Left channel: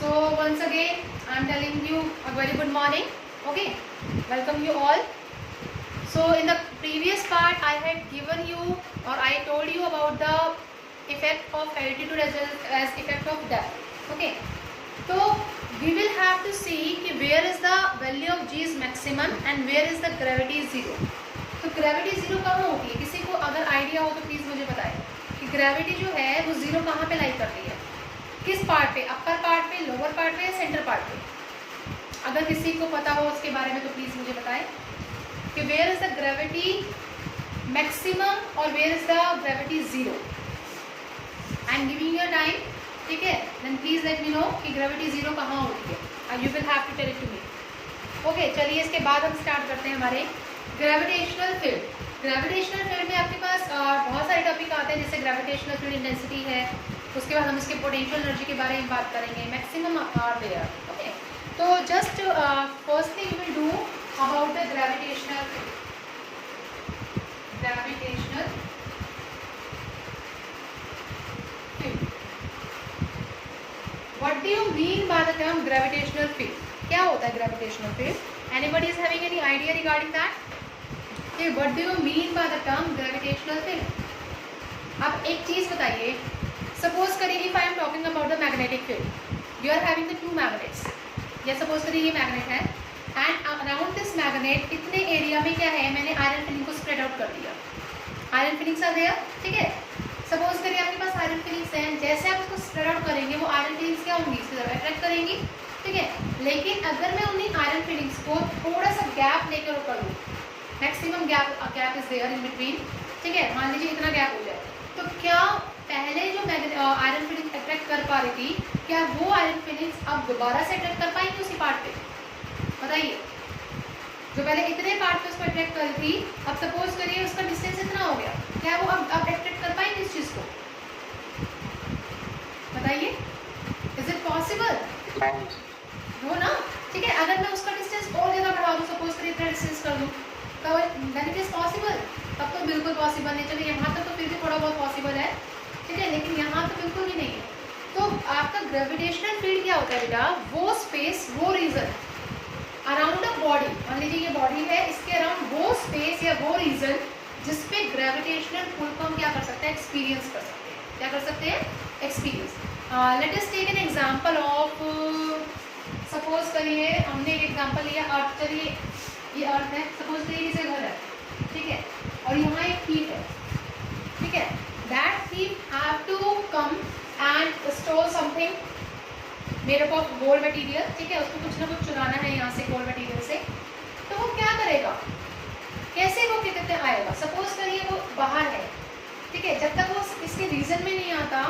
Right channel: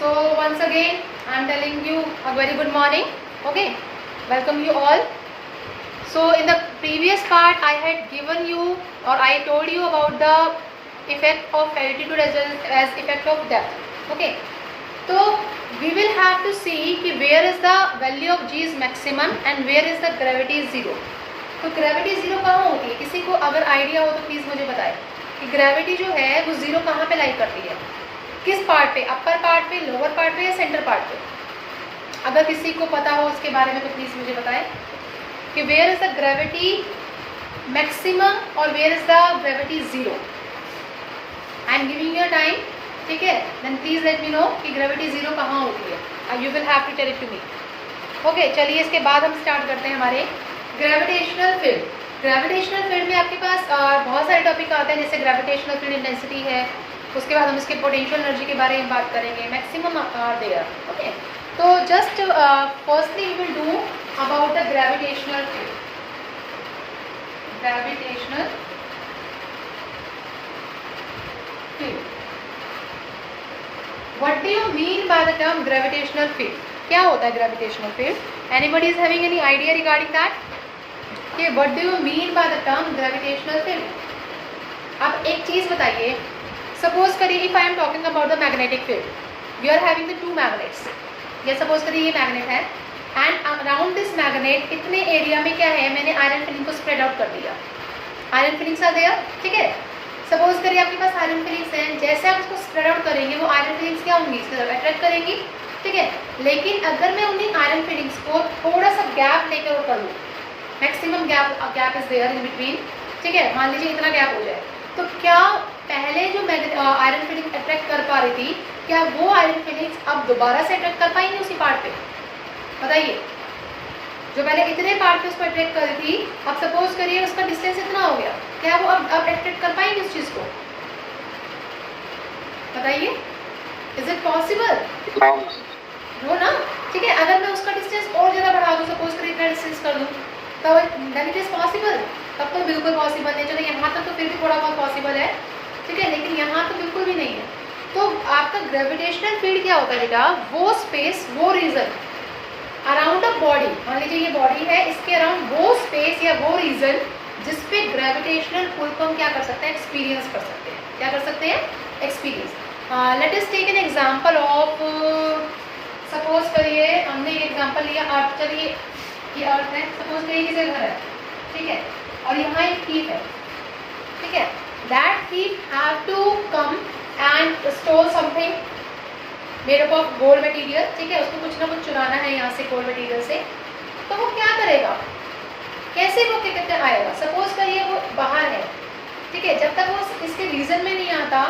So once again I am telling you a very good morning. Okay, welcome you all. So in the previous part I had given you or I told you about the effect of altitude as effect of depth. Okay, so we will have to see कि where is the value of g is maximum and where is the gravity is zero. तो gravity zero कहाँ होती है? किसी को अगर idea हो तो प्लीज़ मुझे बताएं कि ग्रेविटी जो है वो जीरो कहाँ पे लाई करती है, किस पार्ट पे, अपर पार्ट पे, लोअर पार्ट पे या सेंटर पार्ट पे? अगर किसी को पता हो उसके बारे में तो प्लीज़ मुझे बताएं कि where is the gravity maximum और where is the gravity zero. I am giving your time, ठीक है? Then please let me know कि ग्रेविटी ज़ीरो कहाँ होती है. You will have to tell it to me. Okay, चलिए इसके बाद हम स्टार्ट करते हैं हमारे ग्रेविटेशनल फील्ड. ग्रेविटेशनल फील्ड में आपके पास बहुत सारे टॉपिक आते हैं, जैसे ग्रेविटेशनल फील्ड इंटेंसिटी है, उसके बाद हम इसके पोटेंशियल एनर्जी के बारे में बात करेंगे, मैक्सिमम आर देयर. ओके, तो just firstly we will do about the gravitational field. Gravitational field, what do you mean by the term gravitational field? क्या होता है gravitational field? Anybody is having any idea regarding that? What do you mean by the term gravitational field? अब एक चीज़ बताइए, suppose करिए if I am talking about the magnetic field, we are having the two magnets. या suppose करिए ये magnet है and around this magnet इतने area में क्या है, मैंने आयरन फिलिंग को स्प्रेड आउट कर दिया. आयरन फिलिंग्स आर देयर, ठीक है? सपोज करिए आपके पास आयरन फिलिंग्स हैं, जैसे आप इसको स्प्रेड आउट करेंगे वो आयरन फिलिंग्स क्या होंगी, इसकी तरफ अट्रैक्ट करेंगी, ठीक है? लेकिन अगर मैं उन्हीं आयरन फिलिंग्स को थोड़ा सा गैप लेकर कर लूँ, maximum gap is there in between, ठीक है? मान लीजिए इतना गैप हो जाए, तो क्या पहले जो आयरन फिलिंग अट्रैक्ट कर पा रही थी, क्या वो आयरन फिलिंग्स अब दोबारा से अट्रैक्ट कर पाएंगे उसी पार्ट पे? बताइए. जो पहले इतने पार्ट पे उसको अट्रैक्ट कर रही थी, अब सपोज करिए उसका डिस्टेंस इतना हो गया, क्या वो अब अट्रैक्ट कर पाएंगे उस चीज़ को? बताइए, इज इट पॉसिबल? नो ना, ठीक है? अगर मैं उसका डिस्टेंस और ज़्यादा बढ़ा दूँ, सपोज करिए इतना डिस्टेंस कर दूँ, तो देन इट इज़ पॉसिबल? तब तो बिल्कुल पॉसिबल नहीं. चलो यहाँ तक तो फिर भी थोड़ा बहुत पॉसिबल है, ठीक है, लेकिन यहाँ तो बिल्कुल भी नहीं है. तो आपका ग्रेविटेशनल फील्ड क्या होता है बेटा? वो स्पेस, वो रीजन अराउंड अ बॉडी, मान लीजिए ये बॉडी है, इसके अराउंड वो स्पेस या वो रीजन जिसपे ग्रेविटेशनल पुल को हम क्या कर सकते हैं, एक्सपीरियंस कर सकते हैं. क्या कर सकते हैं? Experience. Let us take an example of, suppose करिए हमने एक एग्जाम्पल लिया अर्थ. चलिए ये अर्थ है, सपोज करिए किसी घर है, ठीक है, और यहाँ एक थीफ है, ठीक है? That thief have to come and store something made up of gold material, ठीक है? उसको कुछ ना कुछ चुराना है यहाँ से गोल्ड मटेरियल से, तो वो क्या करेगा, कैसे वो क्या कहते आएगा? सपोज करिए वो बाहर है, ठीक है, जब तक वो इसके रीजन में नहीं आता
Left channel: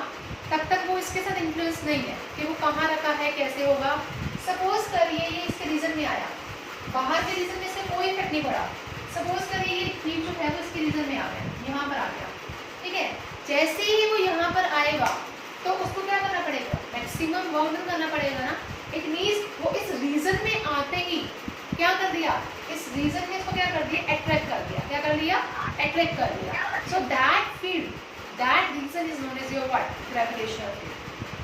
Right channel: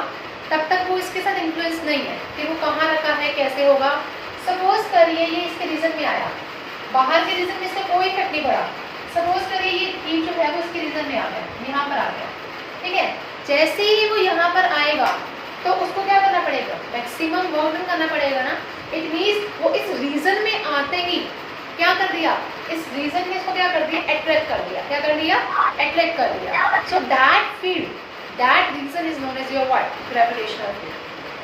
तब तक वो इसके साथ इन्फ्लुएंस नहीं है कि वो कहाँ रखा है, कैसे होगा. सपोज करिए ये इसके रीजन में आया, बाहर के रीजन में इसका कोई इफेक्ट नहीं पड़ा. सपोज करिए ये थीम जो है वो इसके रीजन में आ गया, यहाँ पर आ गया, ठीक है? जैसे ही वो यहाँ पर आएगा तो उसको क्या करना पड़ेगा, मैक्सिमम वर्क डन करना पड़ेगा ना. इट मीन्स वो इस रीजन में आते ही क्या कर दिया, इस रीजन में इसको क्या कर दिया, अट्रैक्ट कर दिया. क्या कर दिया? अट्रैक्ट कर दिया. So that field, that region is known as your what, gravitational field,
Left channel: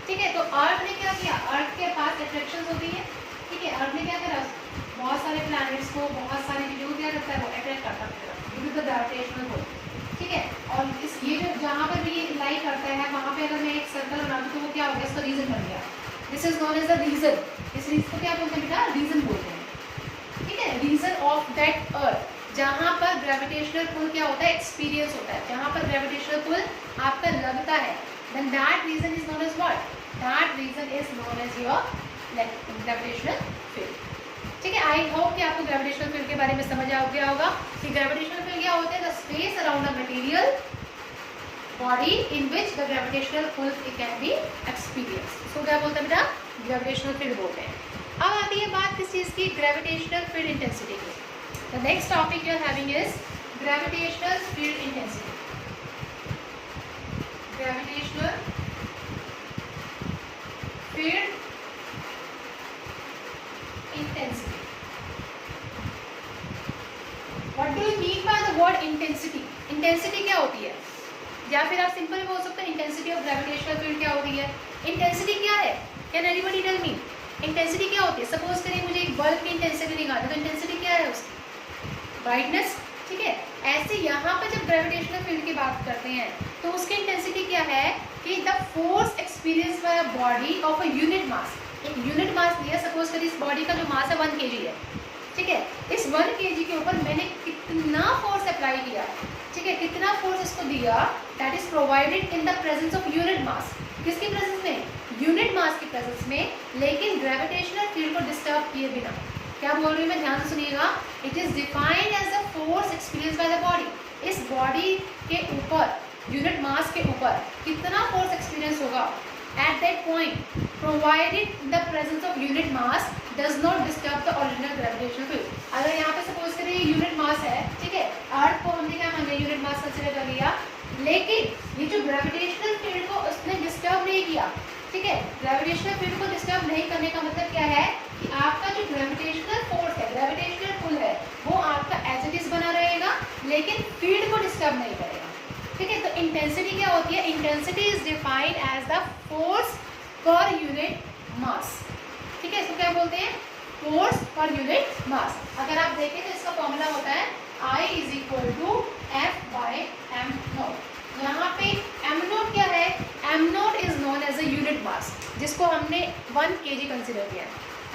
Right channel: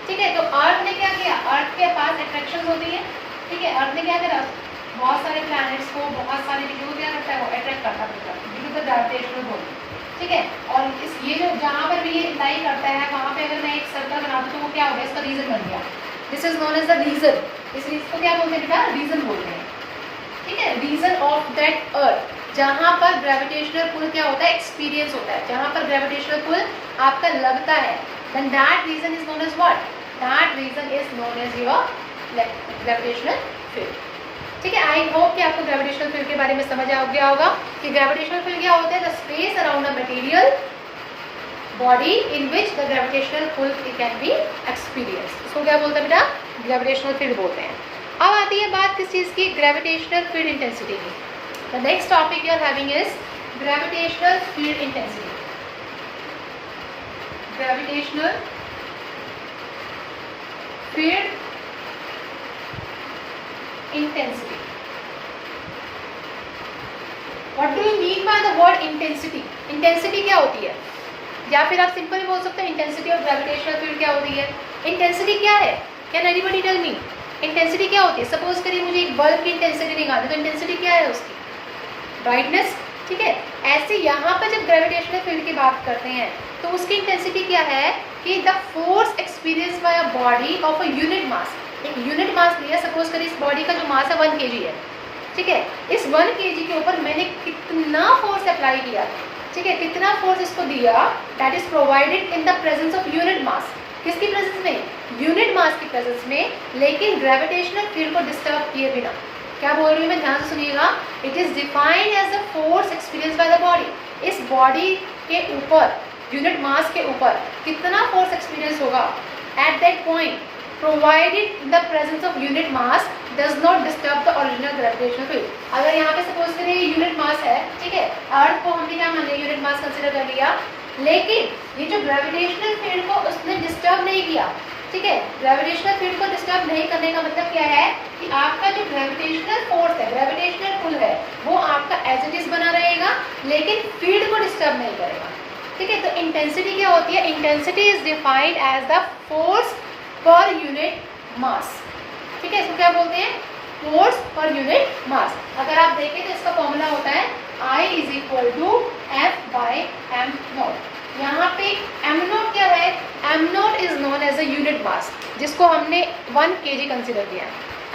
ठीक है? तो अर्थ ने क्या किया, अर्थ के पास अट्रैक्शन होती है, ठीक है? अर्थ ने क्या करा, बहुत सारे प्लैनेट्स को, बहुत सारे वीडियो क्या करता है, वो अट्रैक्ट करता है due to the gravitational pull, ठीक है? और इस ये जो जहाँ पर भी ये लाई करता है वहाँ पे अगर मैं एक सर्कल बना दूँ तो वो क्या हो गया, इसका रीजन बन गया. This is known as the region. इस रीजन को क्या बोलते हैं बेटा? रीजन बोलते हैं, ठीक है? रीजन ऑफ दैट अर्थ, जहाँ पर ग्रेविटेशनल पुल क्या होता है, एक्सपीरियंस होता है, जहाँ पर ग्रेविटेशनल पुल आपका लगता है, then that region is known as what, that region is known as your gravitational field, ठीक है? आई होप कि आपको ग्रेविटेशनल फील्ड के बारे में समझ आ गया होगा कि ग्रेविटेशनल फील्ड क्या होता है, the space around a material body in which the gravitational pull can be experience. इसको क्या बोलते हैं बेटा? ग्रेविटेशनल फील्ड बोलते हैं. अब आती है बात किस चीज़ की, ग्रेविटेशनल फील्ड इंटेंसिटी की. The next topic you are having is gravitational field intensity. Gravitational field intensity. What do you mean by the word intensity? Intensity क्या होती है? या फिर आप सिंपल बोल सकते हैं इंटेंसिटी ऑफ ग्रेविटेशनल फील्ड क्या होती है. इंटेंसिटी क्या है? Can anybody tell me intensity क्या होती है? सपोज करिए मुझे एक बल्ब की इंटेंसिटी निकालनी, तो इंटेंसिटी क्या है उसकी? ब्राइटनेस, ठीक है। ऐसे यहाँ पर जब ग्रेविटेशनल फील्ड की बात करते हैं तो उसकी इंटेंसिटी क्या है कि the force experience bye a body of a unit mass. एक यूनिट मास लिया, सपोज करिए इस बॉडी का जो मास है 1 kg है, ठीक है। इस 1 kg के ऊपर मैंने कितना फोर्स अप्लाई किया, ठीक है, कितना फोर्स इसको दिया, that is provided in the presence of unit मास। किसकी प्रेजेंस में? यूनिट मास की प्रेजेंस में, लेकिन ग्रेविटेशनल फील्ड को डिस्टर्ब किए बिना। क्या बोल रही हूँ मैं, ध्यान से सुनिएगा। It is defined as the force experience by the body. इस बॉडी के ऊपर, यूनिट मास के ऊपर कितना फोर्स एक्सपीरियंस होगा at that point, provided in the presence of unit mass does not disturb the original gravitational field. अगर यहाँ पे सपोज करिए यूनिट मास है, ठीक है, अर्थ को हमने क्या मान लिया, यूनिट मास कंसिडर कर लिया, लेकिन ये जो ग्रेविटेशनल फील्ड को उसने डिस्टर्ब नहीं किया, ठीक है। ग्रेविटेशनल फील्ड को डिस्टर्ब नहीं करने का मतलब क्या है कि आपका जो ग्रेविटेशनल फोर्स है, ग्रेविटेशनल पुल है, वो आपका एज इट इज बना रहेगा, लेकिन फील्ड को डिस्टर्ब नहीं करेगा, ठीक है। तो इंटेंसिटी क्या होती है? Intensity is defined as the force per unit mass, ठीक है। इसको क्या बोलते हैं? फोर्स पर यूनिट मास। अगर आप देखें तो इसका फॉर्मूला होता है I is equal to F by M naught. यहाँ पे एम नोट क्या है? M naught is known as a unit mass, जिसको हमने 1 kg कंसिडर किया।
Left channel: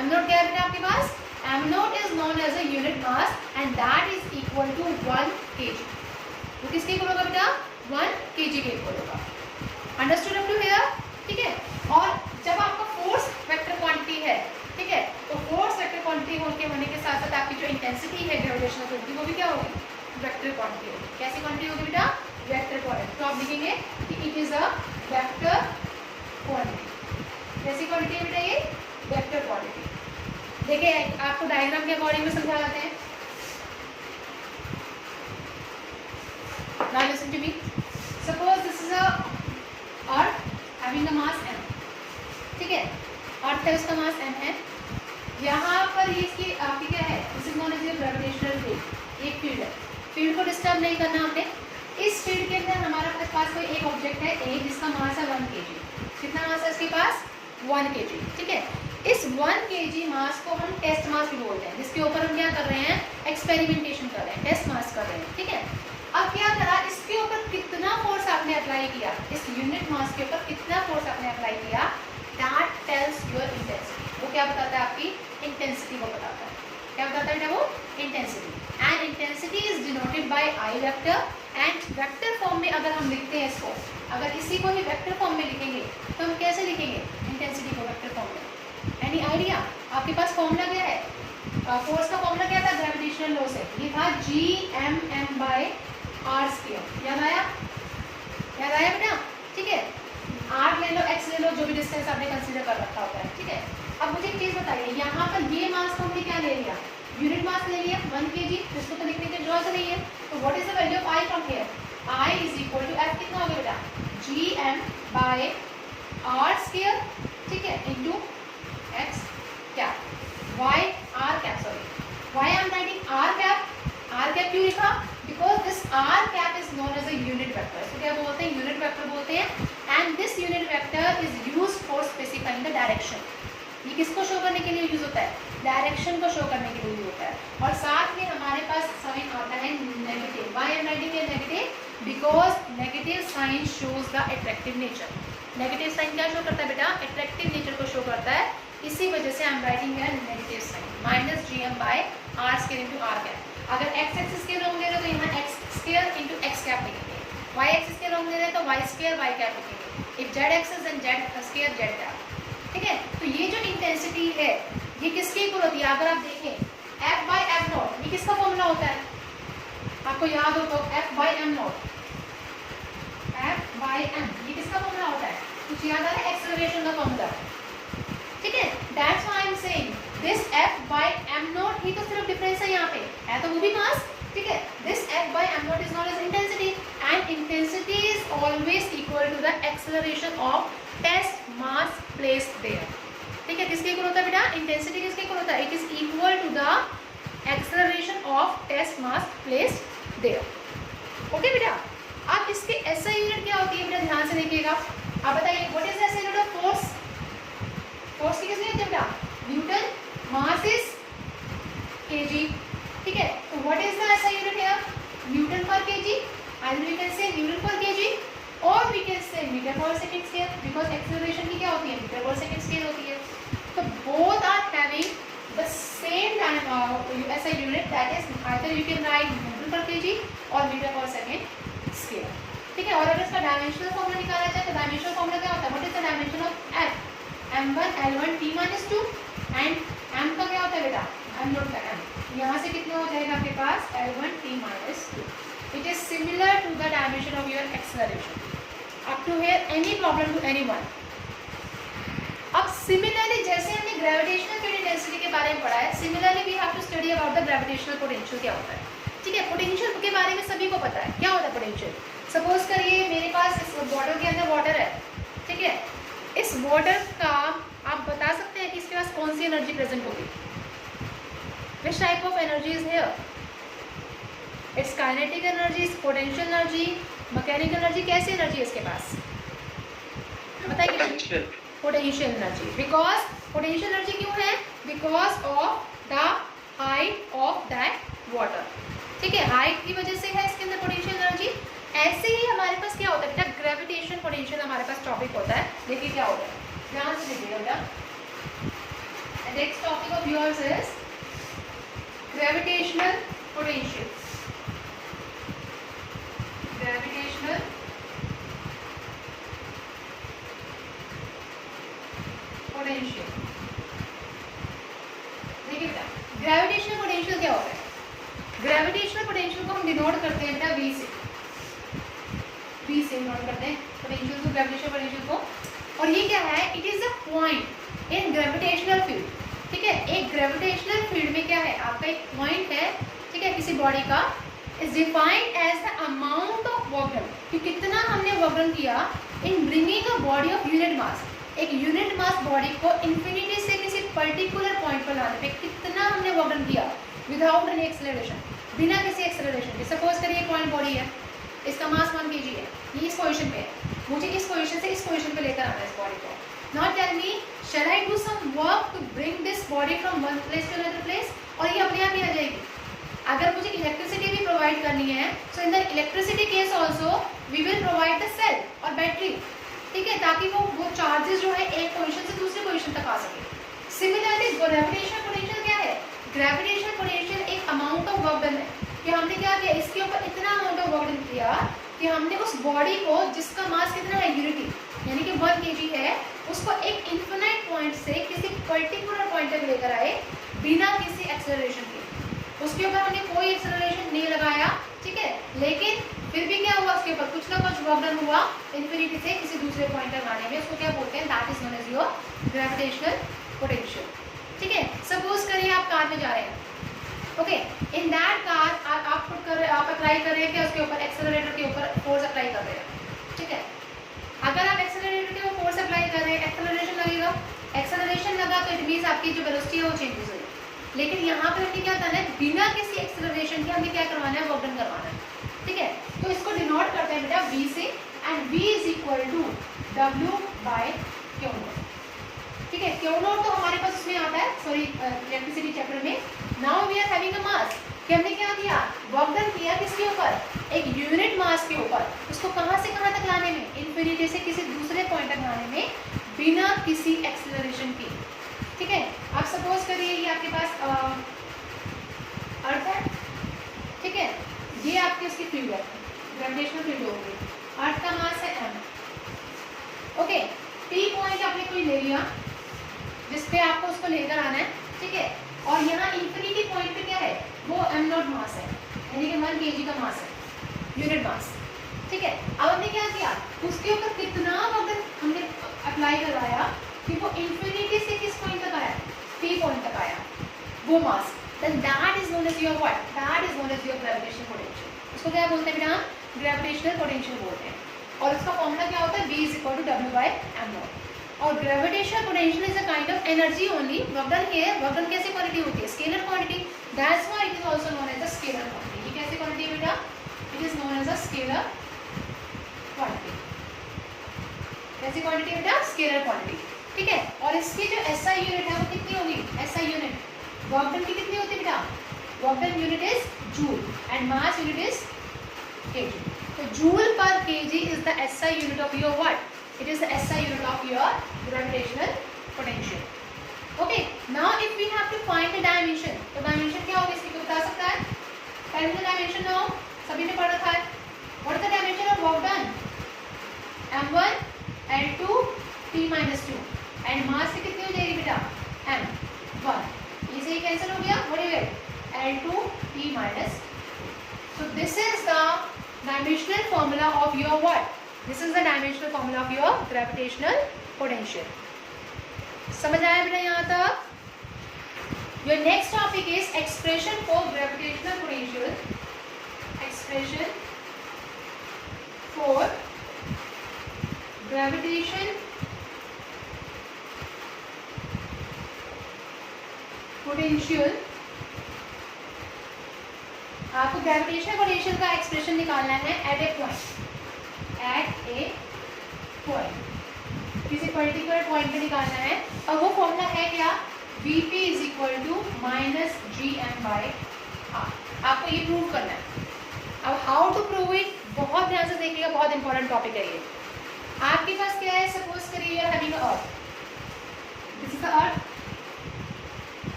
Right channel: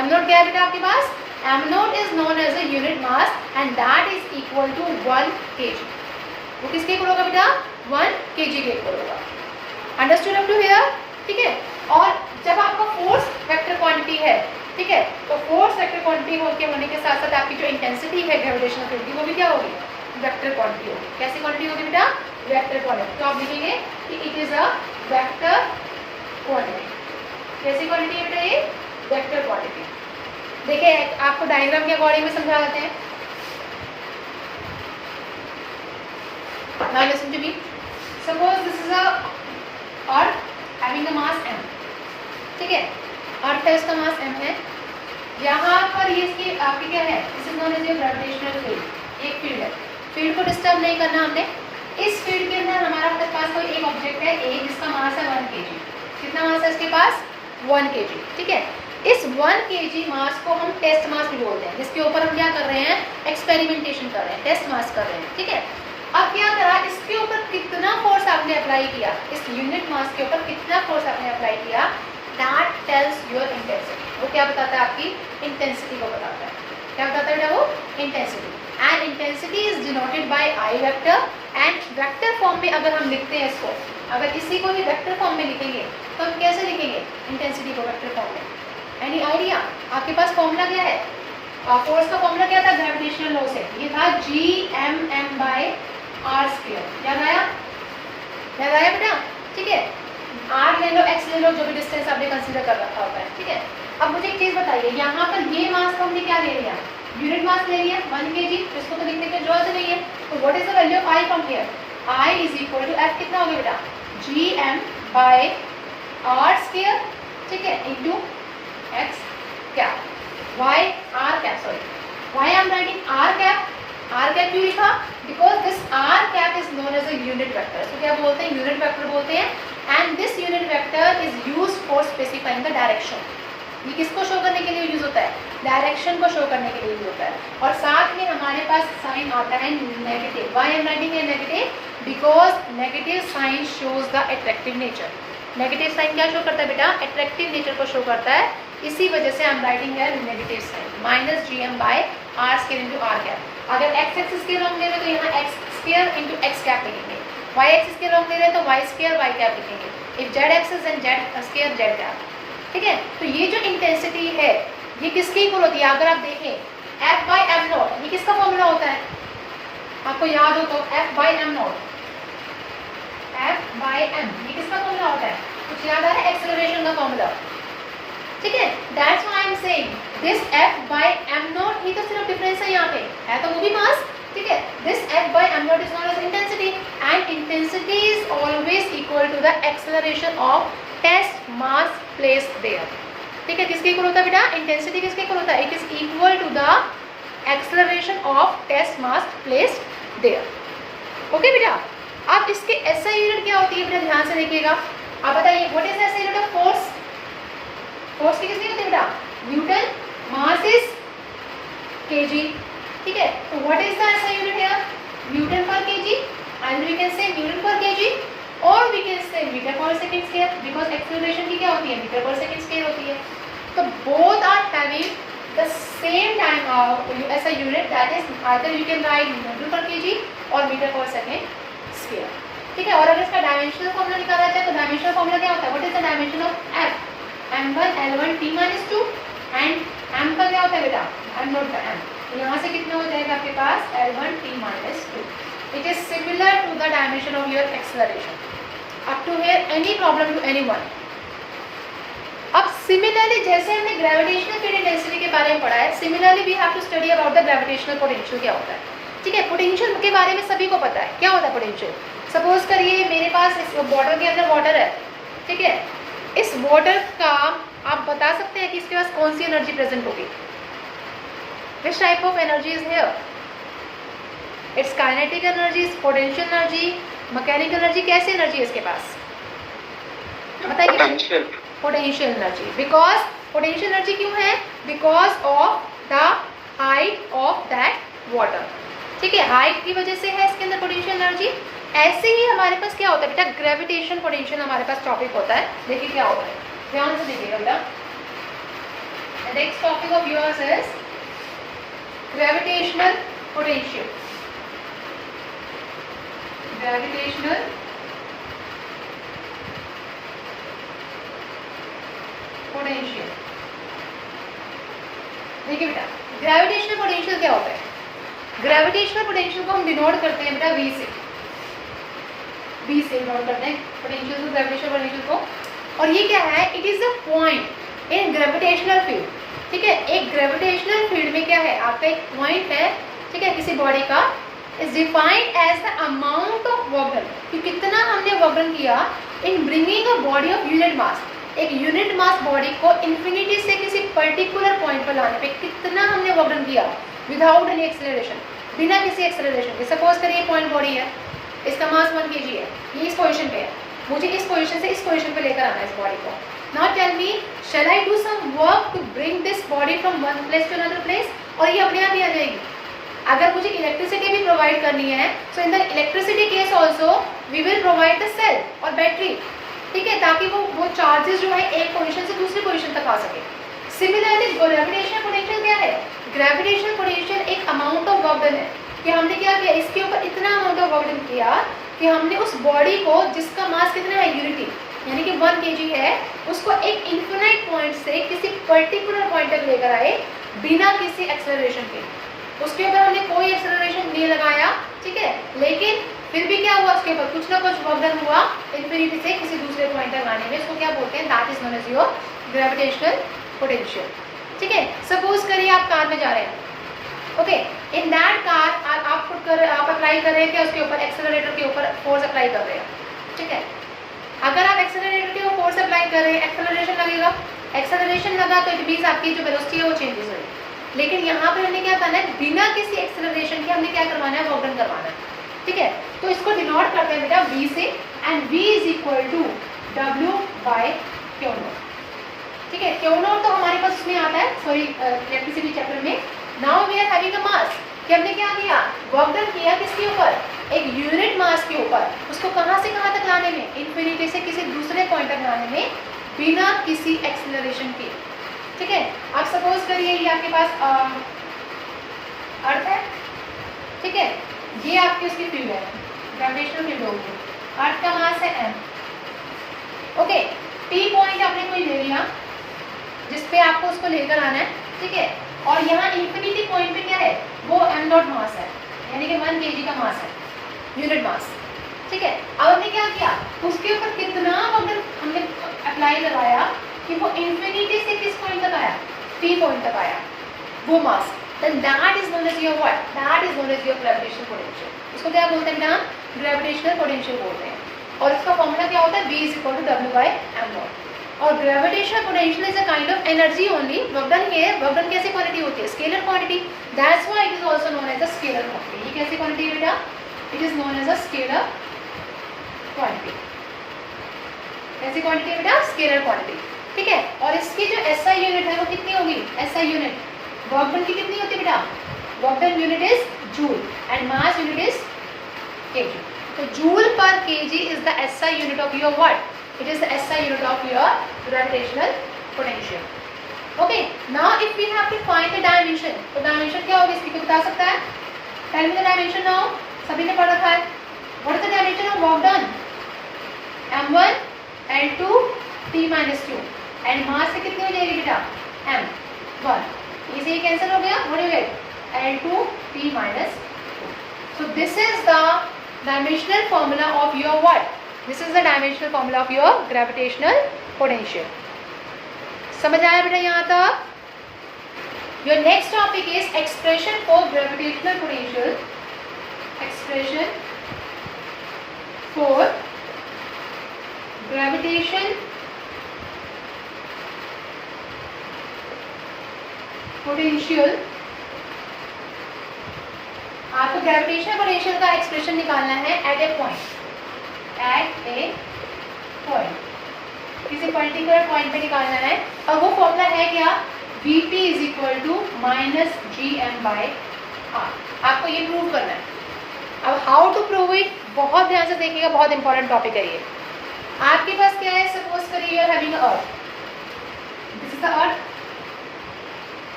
एम नोट क्या है बेटा आपके पास? M naught is known as a unit mass and that is equal to 1 kg। वो किसके इक्वल होगा बेटा? 1 kg के इक्वल होगा। अंडरस्टूड अप टू हियर, ठीक है। और जब आपका फोर्स वेक्टर क्वांटिटी है, ठीक है, तो फोर्स वेक्टर क्वांटिटी होने के साथ साथ आपकी जो इंटेंसिटी है ग्रेविटेशनल फील्ड की, वो भी क्या होगी? वेक्टर क्वांटिटी होगी। कैसी क्वांटिटी होगी बेटा? Vector quantity. तो आप लिखेंगे कि it is a vector quantity. कैसी क्वांटिटी है बेटा ये? Vector quantity. देखिए आपको डायग्राम के अकॉर्डिंग में समझा देते हैं। Now listen to me. Suppose this is a earth having a mass m, ठीक है। अर्थ है, इसका मास m है। यहाँ पर ये इसकी आपकी क्या है? This is known as your gravitational field. एक फील्ड है, फील्ड को डिस्टर्ब नहीं करना हमने। इस फील्ड के अंदर हमारा अपने पास कोई एक ऑब्जेक्ट है ए, जिसका मास है 1 kg। कितना मास है इसके पास? 1 kg, ठीक है। इस 1 kg मास को हम टेस्ट मास भी बोलते हैं, जिसके ऊपर हम क्या कर रहे हैं? एक्सपेरिमेंटेशन कर रहे हैं, टेस्ट मास कर रहे हैं, ठीक है। अब क्या करा, इसके ऊपर कितना फोर्स आपने अप्लाई किया, इस यूनिट मास के ऊपर कितना फोर्स आपने अप्लाई किया, दैट टेल्स योर इंटेंसिटी। वो क्या बताता है? आपकी इंटेंसिटी को बताता है। क्या बताता है बेटा? वो intensity. And intensity is denoted by I vector. And vector form में अगर हम लिखते हैं इसको, अगर इसी को ही वेक्टर फॉर्म में लिखेंगे तो हम कैसे लिखेंगे इंटेंसिटी को वेक्टर फॉर्म में? Any idea? आपके पास फॉर्मूला क्या है? फोर्स का फॉर्मूला क्या था ग्रेविटेशनल लॉ से? ये था Gmm बाय आर स्क्वायर। याद आया? याद आया बेटा? ठीक है, आर ले लो, एक्स ले लो, जो भी डिस्टेंस आपने कंसीडर कर रखा होता है, ठीक है। अब मुझे एक चीज़ बताइए, यहाँ पर ये मास को हमने क्या ले लिया? यूनिट मास ले लिया 1 kg। इसको तो लिखने के जरूरत नहीं है। तो what is the value of I from here? I is equal to F कितना हो गया बेटा? Gm बाय आर स्क्वायर, ठीक है, into X cap, Y R cap, sorry why I am writing R cap. R cap क्यों लिखा? Because this R cap is known as a unit vector. इसको क्या बोलते हैं? यूनिट वेक्टर बोलते हैं। And this unit vector is use for specifying the direction. ये किसको शो करने के लिए यूज होता है? डायरेक्शन को शो करने के लिए यूज होता है। और साथ में हमारे पास साइन आता है negative. Why I am writing है negative? Because negative sign shows the attractive nature. Negative sign क्या शो करता है बेटा? अट्रैक्टिव नेचर को शो करता है। इसी वजह से आई एम राइटिंग है negative sign minus Gm by R square into R cap. अगर एक्स एक्सिस के लॉन्ग ले रहे तो यहाँ X square into X cap लिखेंगे। वाई एक्सिस के लॉन्ग ले रहे तो वाई स्क्वायर वाई कैप लिखेंगे। If Z axis then Z square Z cap, ठीक है। तो ये जो इंटेंसिटी है ये किसकी इक्वल होती है? अगर आप देखें एफ बाई एम नॉट, ये किसका फॉर्मूला होता है? आपको याद हो तो F by M not, F by M, ये किसका फॉर्मूला होता है? कुछ याद आ रहा है? एक्सेलरेशन का फॉर्मूला, ठीक है। That's why I am saying this F by M not ही तो सिर्फ डिफरेंस है, यहाँ पे है तो वो भी मास, ठीक है। This F by M not is known as intensity and intensity is always equal to the acceleration of test mass placed there, ठीक है। किसके इक्वल होता है बेटा? इंटेंसिटी किसके इक्वल होता है? It is equal to the acceleration of test mass placed there. Okay बेटा, अब इसके एसआई यूनिट क्या होती है बेटा? ध्यान से देखिएगा। अब बताइए what is SI unit of force? Force की कितनी होती है बेटा, न्यूटन, मास इज केजी, ठीक है। तो what is the SI unit here, newton per KG, and we can say newton per KG और we can say metre per second square, because acceleration की क्या होती है, मीटर पर सेकंड स्क्वायर होती है। तो both are having the same time ऐसा unit, that is either you can write newton per KG और मीटर पर सेकंड स्क्वायर, ठीक है। और अगर इसका डायमेंशनल फॉर्मूला निकाला जाए तो डायमेंशनल फॉर्मूला क्या होता है, what is the dimension of F, m1 l1 t - 2 and m का क्या होता है बेटा, m नॉट का m, यहाँ से कितना हो जाएगा आपके पास l1 t - 2। It is similar to the dimension of your acceleration. Up to here any problem to anyone. अब सिमिलरली जैसे हमने ग्रेविटेशनल फील्ड इंटेंसिटी के बारे में पढ़ा है, similarly we have to study about the gravitational potential क्या होता है, ठीक है। पोटेंशियल के बारे में सभी को पता है क्या होता है पोटेंशियल। सपोज करिए मेरे पास इस बॉटल के अंदर वाटर है, ठीक है। इस वाटर का आप बता सकते हैं कि इसके पास कौन सी एनर्जी प्रेजेंट होगी, which type of energy is here, it's kinetic energy, potential energy, mechanical energy, कैसी एनर्जी है इसके पास बताइए। Potential energy, because potential energy क्यों है, because of the height of that water, ठीक है। हाइट की वजह से है इसके अंदर पोटेंशियल एनर्जी। ऐसे ही हमारे पास क्या होता है बेटा, ग्रेविटेशन पोटेंशियल हमारे पास टॉपिक होता है। देखिए क्या होता है, ध्यान से देखिएगा बेटा। Next topic of yours is gravitational potential. Gravitational potential, देखिए बेटा ग्रेविटेशनल पोटेंशियल क्या होता है। ग्रेविटेशनल पोटेंशियल को हम डिनोट करते हैं बेटा V से, V से डिनोट करते हैं पोटेंशियल को, ग्रेविटेशनल पोटेंशियल को। और ये क्या है, it is a point in gravitational field, ठीक है। एक ग्रेविटेशनल फील्ड में क्या है, आपका एक पॉइंट है, ठीक है, किसी बॉडी का, is defined as the amount of work done, कि कितना हमने वर्क डन किया in bringing a body of unit mass, एक यूनिट मास बॉडी को इन्फिनिटी से किसी पर्टिकुलर पॉइंट पर लाने पे कितना हमने वर्क डन किया विदाउट एनी एक्सेलरेशन, बिना किसी एक्सेलरेशन के। सपोज करिए पॉइंट बॉडी है, इसका मास 1 kg है, ये इस पोजीशन पे है, मुझे इस पोजीशन से इस पोजीशन पे लेकर आना है इस बॉडी को। Now tell me, shall I do some work to bring this body from one place to another place, और ये अपने आप ही आ जाएगी। अगर मुझे इलेक्ट्रिसिटी भी प्रोवाइड करनी है, so in the electricity case also we will provide the cell और बैटरी, ठीक है, ताकि वो चार्जेस जो है एक पोजीशन से दूसरी पोजीशन तक आ सके। सिमिलरली ग्रेविटेशनल पोटेंशियल क्या है, ग्रेविटेशनल पोटेंशियल एक अमाउंट ऑफ वर्क डन है, कि हमने क्या किया, इसके ऊपर इतना अमाउंट ऑफ वर्क डन किया कि हमने उस बॉडी को, जिसका मास कितना है, यूनिटी यानी कि 1 kg है, उसको एक इन्फिनाइट पॉइंट से किसी पर्टिकुलर पॉइंट तक लेकर आए बिना किसी एक्सेलरेशन के। उसके ऊपर हमने कोई एक्सेलरेशन नहीं लगाया, ठीक है, लेकिन फिर भी क्या हुआ, उसके ऊपर कुछ ना कुछ वर्क डन हुआ इन्फिनिटी से किसी दूसरे पॉइंट तक आने में। उसको क्या बोलते हैं, that is known as your gravitational potential, ठीक है। सपोज करिए आप कार में जा रहे हैं, ओके, इन दैट कार आप अप्लाई कर रहे हैं क्या, उसके ऊपर एक्सेलरेटर के ऊपर फोर्स अप्लाई कर रहे हैं, ठीक है। अगर आप एक्सेलरेटर के ऊपर फोर्स अप्लाई कर रहे हैं, एक्सेलरेशन लगेगा, एक्सेलरेशन लगा तो इट मीन्स आपकी जो वेलोसिटी है वो चेंजेस हुई। लेकिन यहाँ पर हमने क्या करना है, बिना किसी एक्सेलरेशन के हमने क्या करवाना है, वर्क डन करवाना है, ठीक है। तो इसको डिनोट करते हैं बेटा V से, and V is equal to W/Q0, ठीक है। Q0 तो हमारे पास उसमें आता है, सॉरी इलेक्ट्रिसिटी चैप्टर में। Now we are having a mass, कि हमने क्या किया, वर्क डन किया किसके ऊपर, एक यूनिट मास के ऊपर, उसको कहाँ से कहाँ तक लाने में, इन्फिनिटी से किसी दूसरे पॉइंट तक लाने में बिना किसी एक्सेलरेशन के, ठीक है। आप सपोज करिए ये आपके पास अर्थ है, ठीक है, ये आपकी उसकी फील्ड है, ग्रेविटेशनल फील्ड होगी, अर्थ का मास है m, ओके। T पॉइंट आपने कोई ले लिया जिसपे आपको उसको लेकर आना है, ठीक है, और यहाँ इन्फिनिटी पॉइंट पे क्या है, वो m डॉट मास है, यानी कि 1 kg का मास है, यूनिट मास, ठीक है। अब हमने क्या किया, उसके ऊपर कितना वर्क हमने अप्लाई कराया कि वो इन्फिनिटी से किस पॉइंट तक आया, T पॉइंट तक आया वो मास, then that is known as your what, that is known as your gravitational potential। इसको क्या बोलते हैं बेटा, ग्रेविटेशनल पोटेंशियल बोलते हैं। और इसका फॉर्मूला क्या होता है, V is equal to W/m0। और gravitational potential is a kind of energy only, work done here, work done कैसी क्वांटिटी होती है, scalar quantity, that's why it is also known as a scalar quantity. ये कैसी quantity है बेटा, it is known as a scalar quantity. कैसी quantity है बेटा, स्केलर क्वांटिटी। ठीक है। और इसकी जो एसआई यूनिट है वो कितनी होगी, एसआई यूनिट वर्क डन की कितनी होती है बेटा, work done unit is joule and mass unit is KG. तो joule per KG is the SI unit of your what, it is the SI unit of your gravitational potential. Okay, now if we have to find the dimension, तो dimension क्या होगी इसकी, कोई बता सकता है? Tell me the dimension now, सभी ने पढ़ रखा है। What is the dimension of work done, m1 l2 t-2 and mass से कितनी हो जाएगी बेटा, m1, इसे ये कैंसिल हो गया, what you gate, l2 t-2। So this is the dimensional formula of your what, this is the dimensional formula of your gravitational potential. समझ आया बेटा यहाँ तक? Your next topic is expression for gravitational potential, expression for gravitation potential. आपको gravitational potential का expression निकालना है eight ए point, eight ए point, किसी पर्टिकुलर पॉइंट पे निकालना है। और वो फॉर्मूला है क्या, Vp is equal to minus GM/r। आपको ये प्रूव करना है। अब हाउ टू प्रूव इट, बहुत ध्यान से देखिएगा, बहुत इंपॉर्टेंट टॉपिक है ये। आपके पास क्या है, सपोज करिए you are having earth, this is the earth,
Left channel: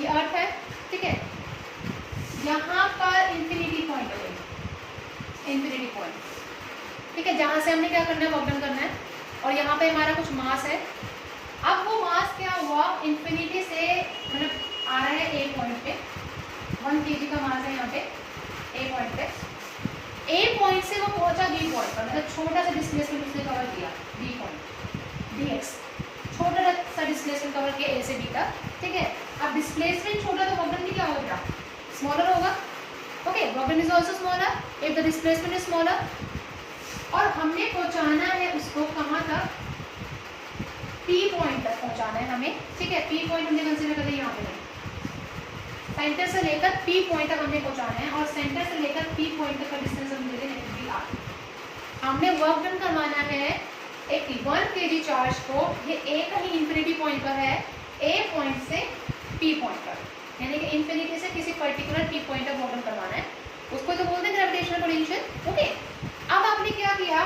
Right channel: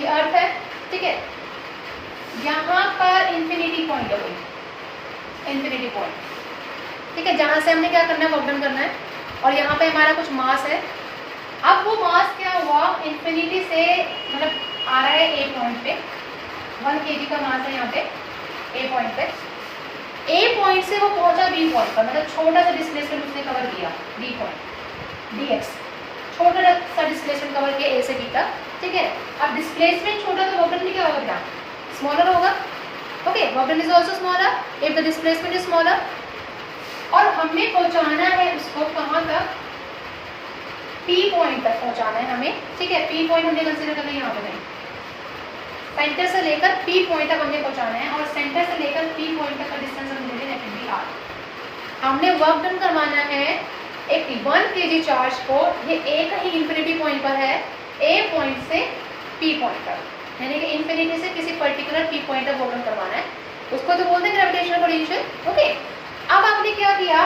ये अर्थ है, ठीक है। यहाँ पर इंफिनिटी पॉइंट हो गई, इंफिनिटी पॉइंट, ठीक है, जहाँ से हमने क्या करना है, वर्क डन करना है। और यहाँ पे हमारा कुछ मास है। अब वो मास क्या हुआ, इन्फिनिटी से मतलब आ रहा है ए पॉइंट पे, 1 kg का मास है यहाँ पे ए पॉइंट पे। ए पॉइंट से वो पहुंचा बी पॉइंट पर, मतलब छोटा सा डिस्प्लेसमेंट उसने कवर किया, बी पॉइंट dx, छोटा सा डिस्प्लेसमेंट कवर किया ए से बी तक, ठीक है। अब डिस्प्लेसमेंट छोटा तो वर्क डन भी क्या होगा बेटा, स्मॉलर होगा। Okay, work done is also smaller if the displacement is smaller. और हमें पहुंचाना है उसको कहाँ तक, P पॉइंट तक पहुंचाना है हमें, ठीक है। P पॉइंट हमने कंसीडर करना है यहाँ पे, नहीं, सेंटर से लेकर P पॉइंट तक हमने पहुंचाना है। और सेंटर से लेकर P पॉइंट तक का डिस्टेंस हम ले लेंगे -r। हमने वर्क डन करवाना है एक 1 kg चार्ज को, ये एक ही इंफिनिटी पॉइंट पर है, A पॉइंट से P पॉइंट तक, यानी कि इंफिनिटी से किसी पर्टिकुलर P पॉइंट तक वर्क डन करवाना है, उसको तो बोलते हैं ग्रेविटेशनल पोटेंशियल। ओके, अब आपने क्या किया,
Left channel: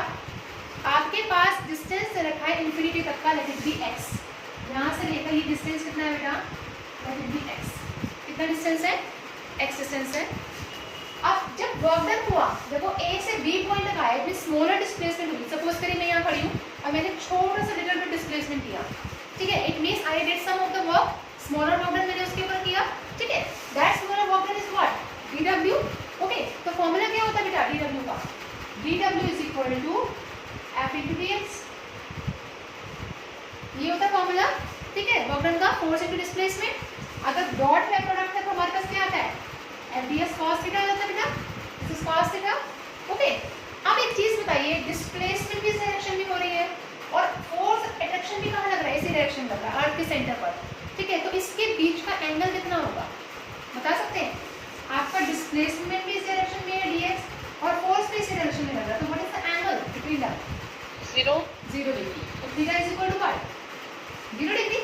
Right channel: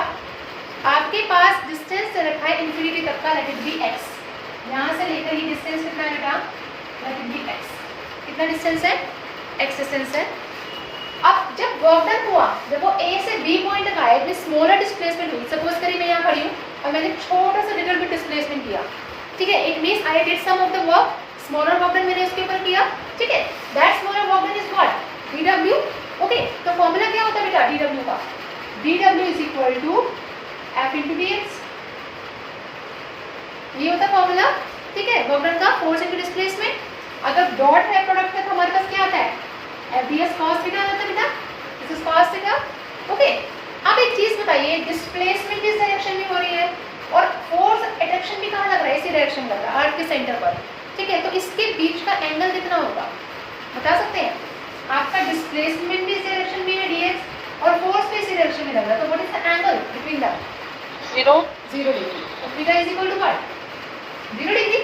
आपके पास डिस्टेंस से रखा है इंफिनिटी तक का, लेट इट बी x, यहाँ से लेकर ये डिस्टेंस कितना है बेटा, लेट इट बी x, कितना डिस्टेंस है, x डिस्टेंस है। अब जब वर्क डन हुआ, जब वो A से B पॉइंट तक आया, इतनी स्मॉलर डिस्प्लेसमेंट हुई, सपोज करिए मैं यहाँ खड़ी हूँ और मैंने छोटा सा लिटिल बिट डिस्प्लेसमेंट किया, ठीक है, it means I did some of the work, smaller work done मैंने उसके ऊपर किया, ठीक है। That smaller work done is what, dw। Okay, तो फॉर्मूला क्या होता है बेटा dw का, dw is equal to f into dx, ये होता है फॉर्मूला, ठीक है, वर्क डन का, फोर्स इंटू डिस्प्लेसमेंट। अगर डॉट है प्रोडक्ट है तो हमारे पास क्या आता है, FDS cos थीटा आता है बेटा, this is cos theta. Okay, अब एक चीज बताइए, डिस्प्लेसमेंट इस डायरेक्शन में हो रही है और फोर्स अट्रैक्शन भी कहाँ लग रहा है, इसी डायरेक्शन लग रहा है, अर्थ के सेंटर पर, ठीक है। तो इसके बीच का एंगल कितना होगा, बता सकते हैं? आपका डिस्प्लेसमेंट भी इस डायरेक्शन में है dx और फोर्स भी इसी डायरेक्शन में लग रहा है, तो what is the angle between that, 0 degree. तो theta is equal to what, 0 degree,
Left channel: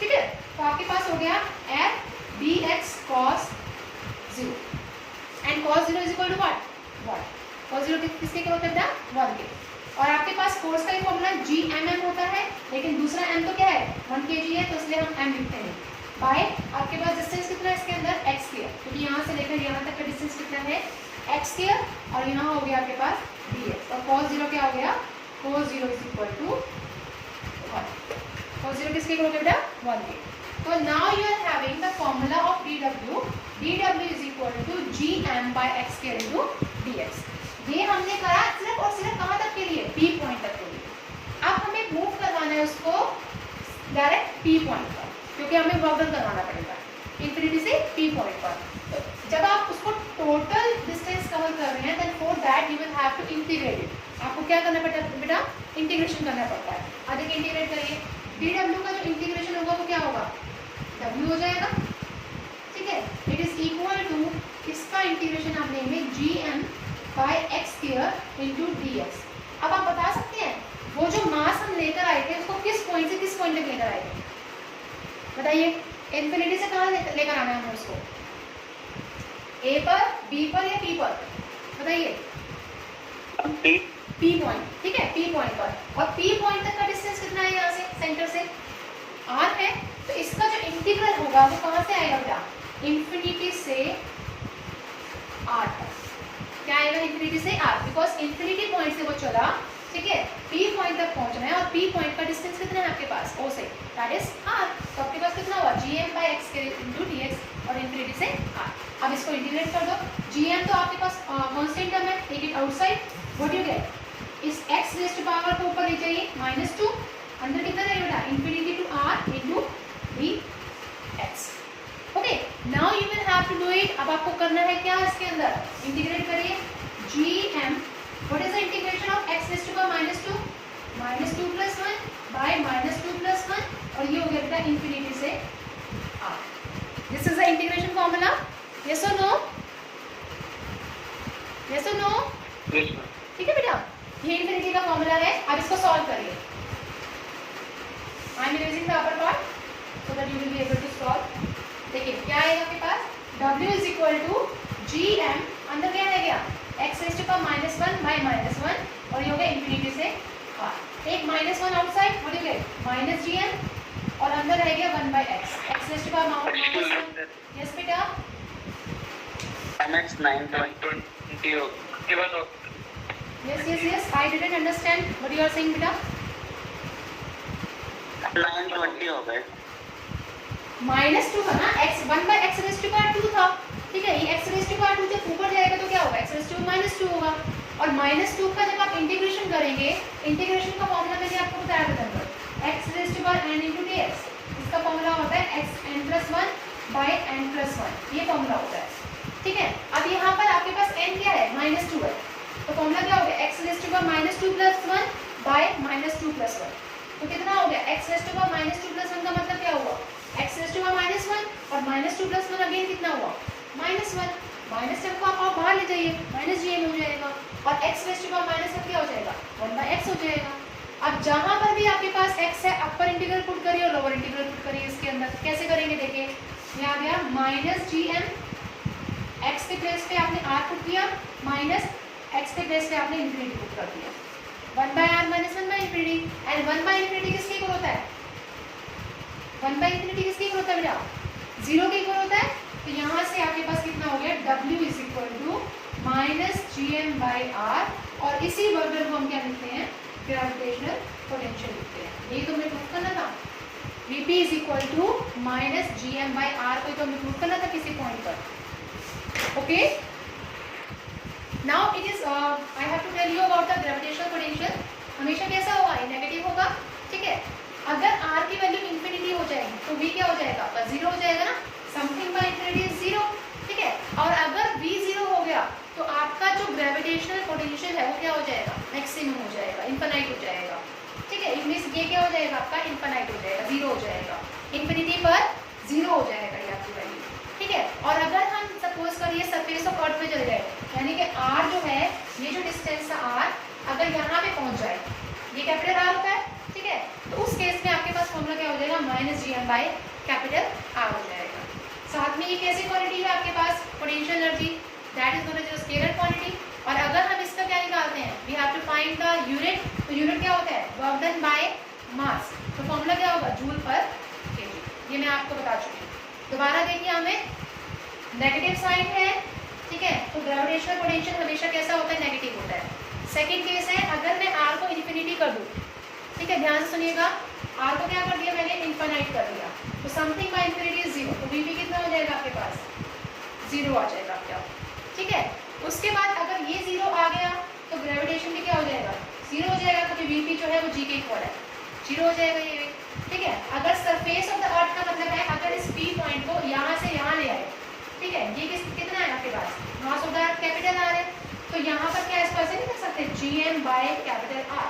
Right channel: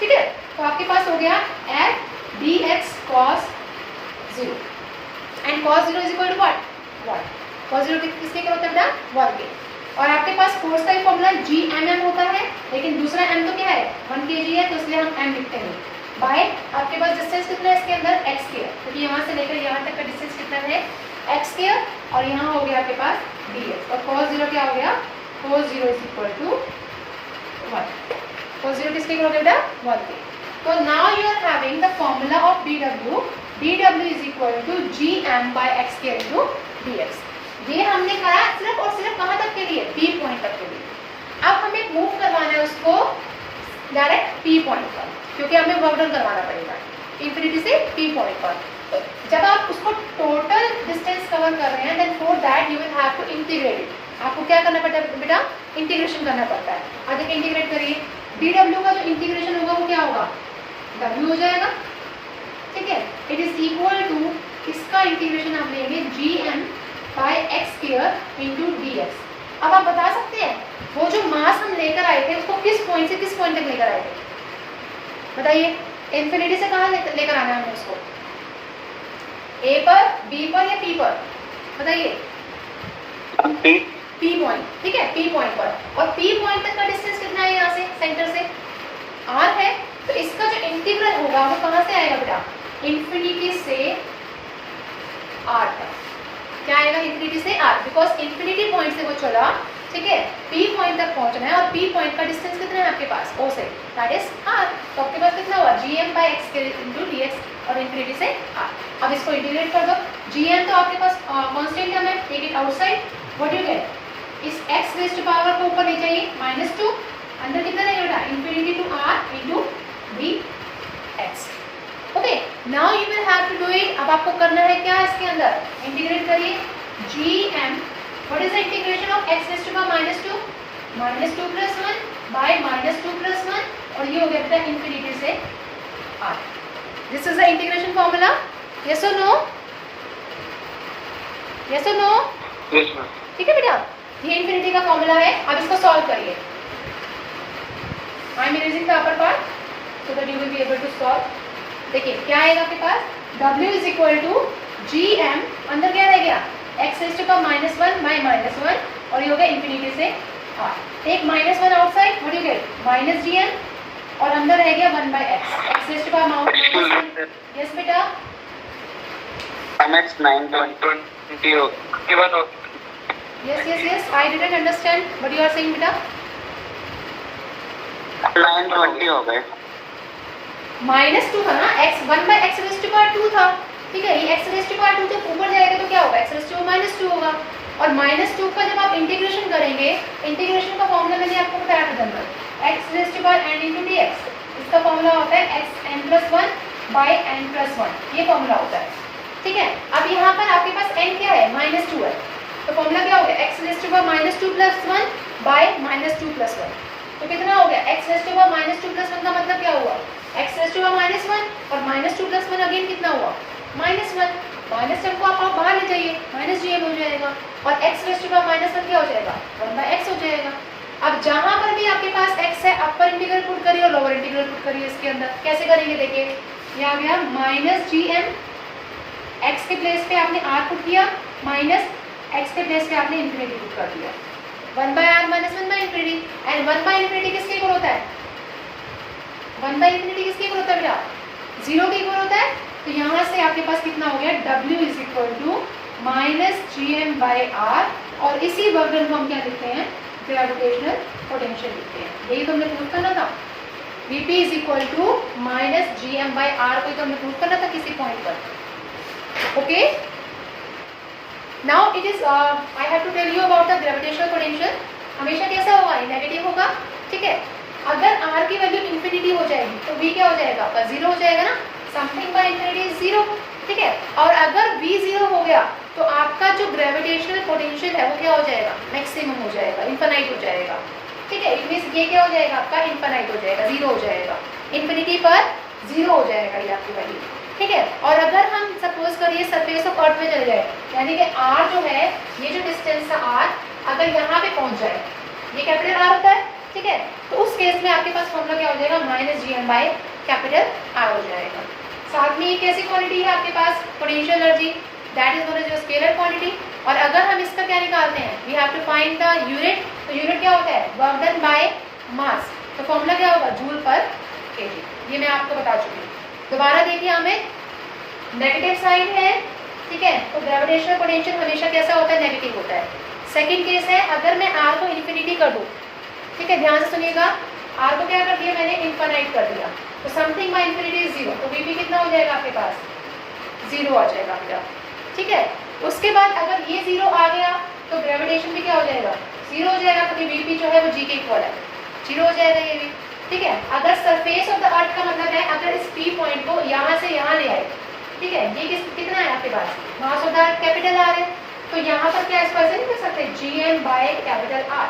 ठीक है। तो आपके पास हो गया f dx cos 0 and cos 0 is equal to what, 1। cos 0 किसके क्या होता है बेटा, 1 के। और आपके पास फोर्स का फॉर्मूला Gmm होता है, लेकिन दूसरा m तो क्या है, 1 kg है, तो इसलिए हम m लिखते हैं बाय, आपके पास डिस्टेंस कितना है इसके अंदर, x स्क्वायर, क्योंकि यहाँ से लेकर यहाँ तक का डिस्टेंस कितना है, x स्क्वायर, और यहाँ हो गया आपके पास dx। और cos 0 क्या हो गया, cos 0 is equal to 1। cos 0 किसके इक्वल हो गया, 1 के। तो now you are having the formula of dw is equal to gm/x square into dx। ये हमने करा सिर्फ और सिर्फ कहाँ तक के लिए, P पॉइंट तक के लिए। अब हमें मूव करवाना है उसको डायरेक्ट P पॉइंट पर, क्योंकि हमें वर्क डन करवाना पड़ेगा इंफिनिटी से P पॉइंट पर। तो जब आप उसको टोटल डिस्टेंस कवर कर रहे हैं, then for that you will have to integrate it. आपको क्या करना पड़ता है बेटा, इंटीग्रेशन करना पड़ता है। अधिक इंटीग्रेट करिए, dw का जो इंटीग्रेशन होगा वो क्या होगा, w हो जाएगा, ठीक है। इट इज इक्वल टू, इसका इंटीग्रेशन आप लेंगे gm/x स्क्वायर इंटू dx। अब आप बता सकते हैं वो जो मास हम लेकर आए थे उसको किस पॉइंट से किस पॉइंट तक लेकर आए थे, बताइए। इन्फिनिटी से कहाँ लेकर आना है उसको, ए पर, बी पर या पी पर, बताइए। पी पॉइंट, ठीक है, पी पॉइंट पर। और पी पॉइंट तक का डिस्टेंस कितना है यहाँ से, सेंटर से आर है। तो इसका जो इंटीग्रल होगा वो कहाँ से आएगा बेटा, इन्फिनिटी से आर तक। क्या आएगा, इन्फिनिटी से आर, बिकॉज इन्फिनिटी पॉइंट से वो चला, ठीक है, पी पॉइंट तक पहुंचना है। और पी पॉइंट का डिस्टेंस कितना है आपके पास, ओ से, दैट इज आर। तो आपके पास कितना हुआ, gm/x के इनटू dx और इन्फिनिटी से आर। अब इसको इंटीग्रेट कर दो। gm तो आपके पास कांस्टेंट टर्म है, take it outside, what you get, इस x रेज़ टू पावर को ऊपर ले जाइए, -2, अंदर कितना रहेगा बेटा, infinity to r into dx। Okay, now you will have to do it. अब आपको करना है क्या, इसके अंदर इंटीग्रेट करिए, gm, what is the integration of x raise to power -2, -2 + 1 by -2 + 1, और ये हो गया बेटा इन्फिनिटी से r। This is the integration formula, yes और नो, यस और नो, यस मैम। ठीक है बेटा, ये इन्फिनिटी का फॉर्मूला है। अब इसको सॉल्व करिए। I am erasing the upper part so that you will be able to solve. देखिए क्या आएगा आपके पास, w = gm, अंदर क्या रह गया, x raise to power -1 by -1, और ये हो गया इन्फिनिटी से r। एक -1 outside, what you get, -gm, और अंदर रह गया 1/x, x raise to power -1। Yes बेटा, x 920 हो, even हो। yes, I didn't understand what you are saying बेटा। 920 हो गए। -2 था ना, x 1/x rays to power 2 था, ठीक है। ये x रेज़ टू पावर 2 जब ऊपर जाएगा तो क्या होगा, x रेज़ टू पावर -2 होगा। और -2 का जब आप इंटीग्रेशन करेंगे, इंटीग्रेशन का फॉर्मूला मैंने आपको बताया था अंदर, x raise to power n into dx। इसका फॉर्मूला होता है xn+1 बाय n+1, ये फॉर्मूला होता है, ठीक है। अब यहाँ पर आपके पास n क्या है, -2 है, तो फॉर्मूला क्या हो गया, x raise to power -2 + 1 by -2 + 1। तो कितना हो गया, x रेज़ टू पावर -2 + 1 का मतलब क्या हुआ, x रेज़ टू पावर -1 और -2 + 1 अगेन कितना हुआ, -1। -1 को आप बाहर ले जाइए, -gm हो जाएगा, और x रेज़ टू पावर -1 क्या हो जाएगा, 1/x हो जाएगा। अब जहाँ पर भी आपके पास x है, अपर इंटीग्रल पुट करिए और लोअर इंटीग्रल पुट करिए इसके अंदर। कैसे करेंगे, देखिए ये आ गया -gm, x के प्लेस पे आपने r पुट किया, -x के प्लेस पे आपने इन्फिनिटी पुट कर दिया, 1/r - 1/∞। एंड 1/∞ किसके इक्वल होता है, 1/∞ किसके इक्वल होता है बेटा, 0 के इक्वल होता है। तो यहाँ से आपके पास कितना हो गया, w = -gm/r, और इसी वर्गन को हम क्या लिखते हैं, ग्रेविटेशनल पोटेंशियल लिखते हैं। यही तो हमने प्रूव करना था, Vp = -gm/r को तो हमने प्रूव करना था किसी पॉइंट पर। Okay, now it is I have to tell you about the gravitational potential. हमेशा कैसा होगा, ये नेगेटिव होगा, ठीक है। अगर r की वैल्यू इन्फिनिटी हो जाएगी तो v क्या हो जाएगा आपका, 0 हो जाएगा ना, समथिंग बाय इन्फिनिटी इज 0, ठीक है। और अगर v 0 हो गया तो आपका जो ग्रेविटेशनल पोटेंशियल है वो क्या हो जाएगा, मैक्सिमम हो जाएगा, इनफाइनाइट हो जाएगा, ठीक है। इट मींस ये क्या हो जाएगा आपका, इनफाइनाइट हो जाएगा, 0 हो जाएगा, इन्फिनिटी पर 0 हो जाएगा ये आपकी वैल्यू, ठीक है। और अगर हम सपोज करिए सरफेस ऑफ अर्थ में चले जाए, यानी कि r जो है, ये जो डिस्टेंस था r, अगर यहाँ पे पहुँच जाए, ये कैपिटल R होता है, ठीक है। तो उस केस में आपके पास फॉर्मूला क्या हो जाएगा, -gm/R हो जाएगा। साथ में एक ऐसी क्वांटिटी है आपके पास, potential energy, that is known as your scalar quantity. और अगर हम इसका क्या निकालते हैं, we have to find the unit. तो यूनिट क्या होता है, वर्क डन बाय मास। तो फॉर्मूला क्या होगा, जूल पर केजी। ये मैं आपको बता चुकी हूँ। दोबारा देखिए, हमें नेगेटिव साइन है, ठीक है, तो ग्रेविटेशनल पोटेंशियल हमेशा कैसा होता है, नेगेटिव होता है। सेकंड केस है, अगर मैं r को इन्फिनिटी कर दूँ, ठीक है, ध्यान से सुनिएगा, r को क्या कर दिया मैंने, इनफाइनाइट कर दिया, तो समथिंग बाय इन्फिनिटी इज 0, तो Vp कितना हो जाएगा आपके पास, 0 आ जाएगा आपका, ठीक है। उसके बाद अगर ये 0 आ गया तो ग्रेविटेशन भी क्या हो जाएगा, 0 हो जाएगा, क्योंकि Vp जो है वो g के इक्वल है, 0 हो जाएगा ये भी, ठीक है। अगर सरफेस ऑफ द अर्थ का मतलब है, अगर इस P पॉइंट को यहाँ से यहाँ ले आए, ठीक है, ये कितना है आपके पास, mass of the earth capital R है, तो यहाँ पर क्या इसको ऐसे नहीं कर सकते, gm/R,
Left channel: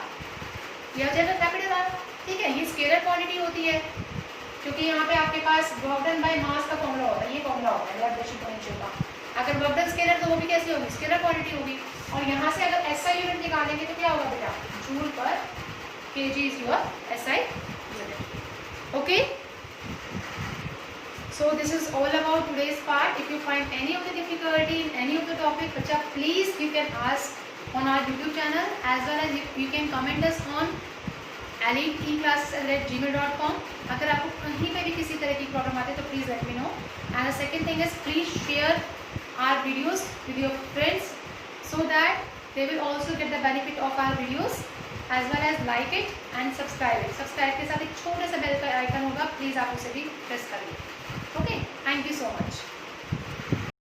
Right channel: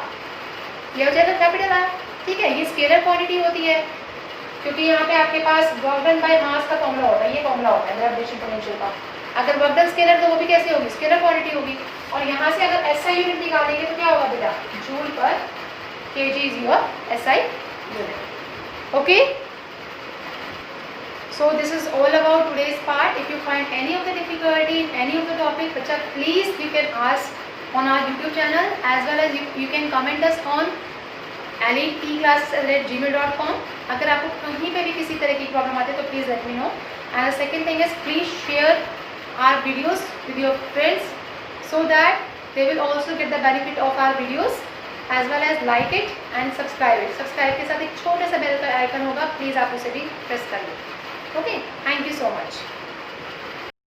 ये हो जाएगा कैपिटल R, ठीक है। ये स्केलर क्वांटिटी होती है, क्योंकि यहाँ पे आपके पास वर्क डन बाय मास का फॉर्मूला होता है, ये फॉर्मूला होता है ग्रेविटेशन पोटेंशियल का। अगर वर्क डन स्केलर तो वो भी कैसी होगी, स्केलर क्वांटिटी होगी। और यहाँ से अगर ऐसा यूनिट निकालेंगे तो क्या होगा बेटा, जूल पर kg is your SI unit. Okay. So this is all about today's part. If you find any of the difficulty in any of the topic, bacha, please you can ask on our YouTube channel, as well as you can comment us on eliteclasses@gmail.com. अगर आपको कहीं पे भी किसी तरह की problem आती है तो please let me know. And the second thing is please share our videos with your friends so that they will also get the benefit of our videos, as well as like it and subscribe it. Subscribe के साथ एक छोटा सा bell का icon होगा, please आप उसे भी प्रेस करिए. Okay, thank you so much.